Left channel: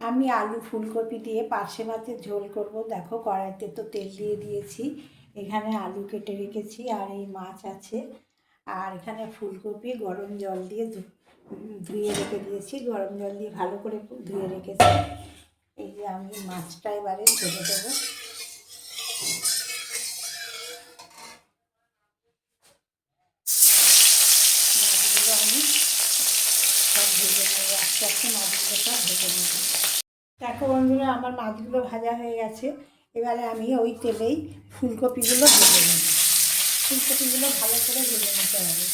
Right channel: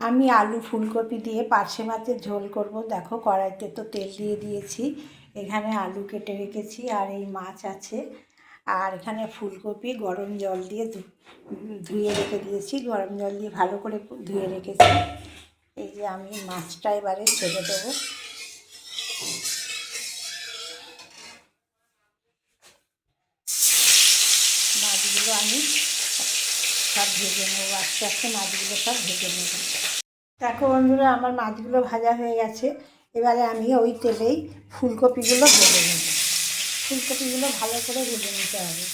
আমি আলু ফুলকপি দিয়ে পার্শে মাছের ঝোল করব। দেখো কড়াইতে তো তেল দিয়ে দিয়েছি, এখানে আলু কেটে রেখেছি আর এই মাছ আছে, আর এখানে ফুলকপি গরম জল দিয়ে ধুয়ে রেখে দিয়েছি, গরম জল দিয়ে ভালো করে ধুয়ে রেখেছি। এই যে আমি মাছটা এবারে ছেড়ে দেবো। মাছগুলো আমি সব ভেজে নেবো, আস্তে আস্তে মাছগুলো সব ভেজে নেব। দেখো বন্ধুরা, আমার মাছগুলো ভাজা হয়ে গেছে। এবারে আমি ওই তেলেই ফুলকপিগুলো ভেজে নেব। ফুলকপিগুলো ভালো করে ভেজে নিতে হবে।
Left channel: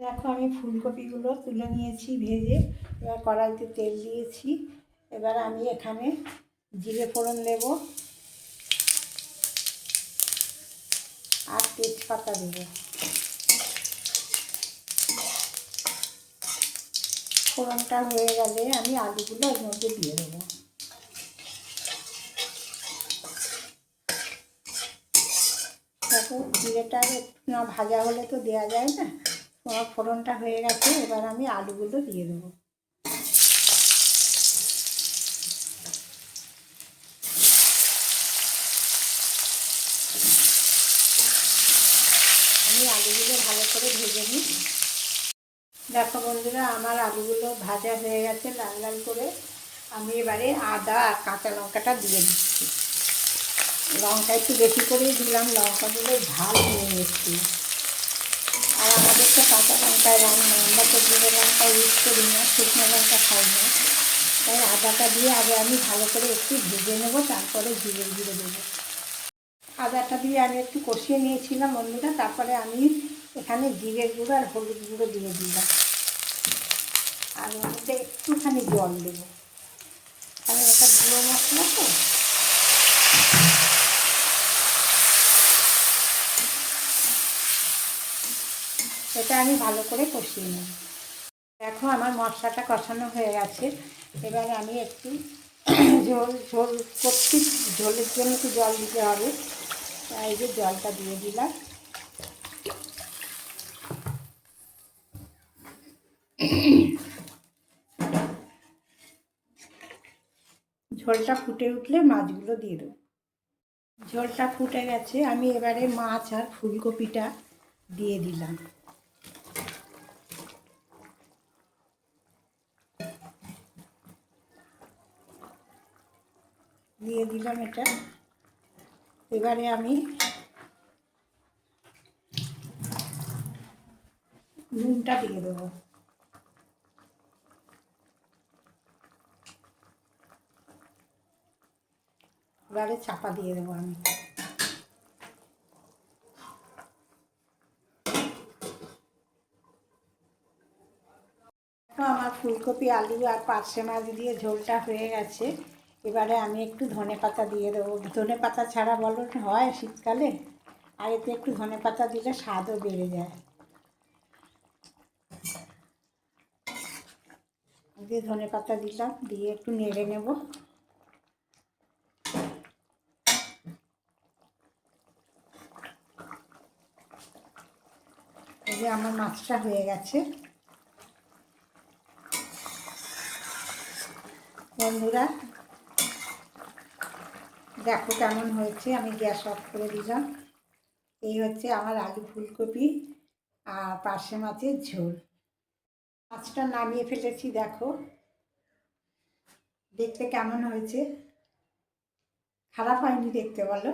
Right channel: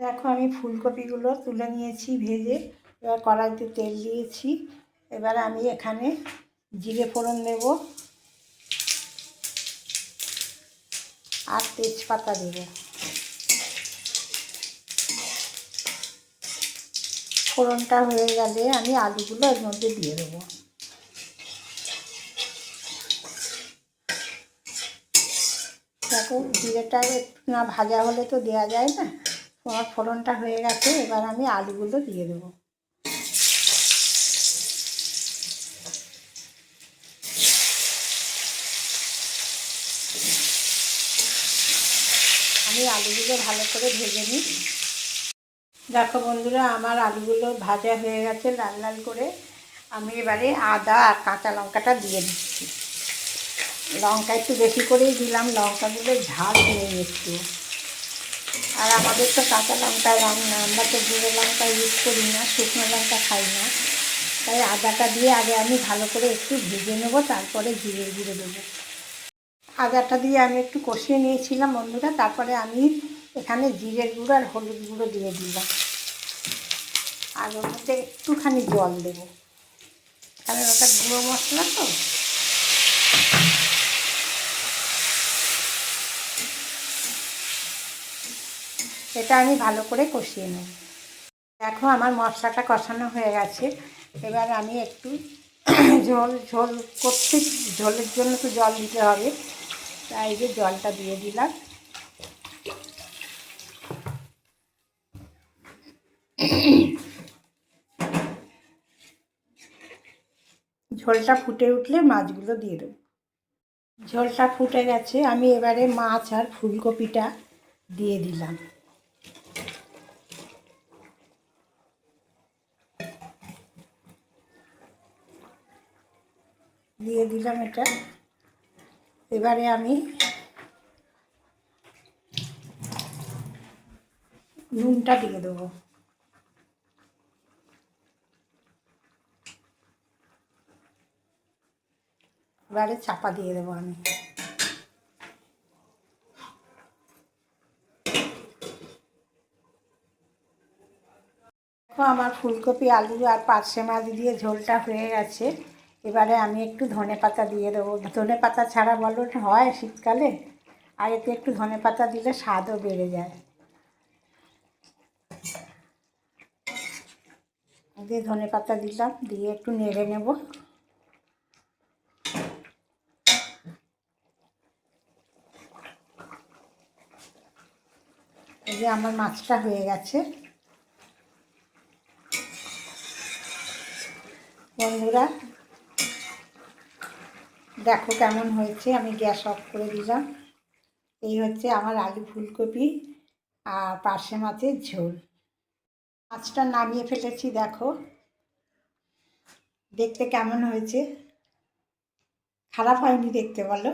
দেখো আমি ফুলকপিগুলো তুলে নিয়েছি ভেজে, এবার কড়াইতে তেল দিয়েছি। এবার আমি এখানে জিরে ফোড়ন দেব আর তেজপাতা দেব। ফোড়নটা হয়ে গেলে আমি আলুগুলো এর মধ্যে দিয়ে দেবো। দেখো জিরেটা একটু না ভাজা হলে তো দেওয়া যায় না। আমার ফোড়নটা হয়ে গেছে, এবার আমি আলুগুলো দিয়ে দেবো। আমি আলুগুলো ভালো করে ভেজে নিই। দেখো বন্ধুরা, আমার আলুগুলো ভাজা হয়ে গেছে লাল লাল করে। আমি এবারে আদা আর কাঁচা লঙ্কাটা দিয়ে দিচ্ছি। লঙ্কা একটু বেশি করেই দিলাম, লঙ্কাগুলো ঝাল হয়ে গেছিল। আর আমাদের তো কাঁচা লঙ্কায় রান্না, আমরা তো জিরে লঙ্কা ইউজ করি না, শুকনো লঙ্কা খাই না। তাই আদাটা দিয়ে আগে আমি ভালো করে একটু ভেজে নেব, তারপরে জিরে গুঁড়ো দেবো। আদাটা দিয়ে আমি একটু কষিয়ে নিয়েছিলাম বন্ধুরা, তারপরে আমি এখানে জিরের গুঁড়ো আর হলুদ গুঁড়ো দিয়ে দিলাম, আর ওর মধ্যে একটুখানি জল দেবো, কারণ ওটা গুঁড়ো মশলা তো। এটা আমি ভালো করে কষিয়ে নেব। দেখো আমার মশলাটা কষানো হয়ে গেছে। এবার আমি একটু ঝোল করছি, ঝোলের জন্য তো জল দিতে হবে, তাই যে জলটা দিয়ে দিলাম। ঝোলটা ফুটে উঠলে মাছগুলো দিয়ে দেবো। ঝোলটা ফুটে গেছে, আমি এবারে মাছ আর ফুলকপিটা দিয়ে দিলাম। দিয়ে দিলাম এটা। এবারে আমি নুনটা দিয়ে দেবো। এবারে চাপা দিয়ে দেবো আমি। দেখো আমার ফুলকপি আলু আর পার্শে মাছ দিয়ে ঝোলটা হয়ে গেছে। এবারে আমি একটু ধনেপাতা দিয়ে দেবো। ধনেপাতা ছাড়া বলো হয় শীতকালে, আর এতে একটু ধনেপাতা দিলে স্বাদও বেড়ে যায়। দিয়ে ধনেপাতা দিলাম, দিয়ে একটু নেড়ে নেব। এই যে আমার মাছটা হয়ে গেছে বন্ধুরা, দেখো কেমন হয়েছে। আমি গ্যাস অফ করে দিলাম। এই হচ্ছে আমার আলু ফুলকপি আর পার্শে মাছের ঝোল। মাছটা নামিয়ে ফেলেছি, দেখো দেখতে কেমন হয়েছে। খারাপ হয়নি দেখতে, বলো।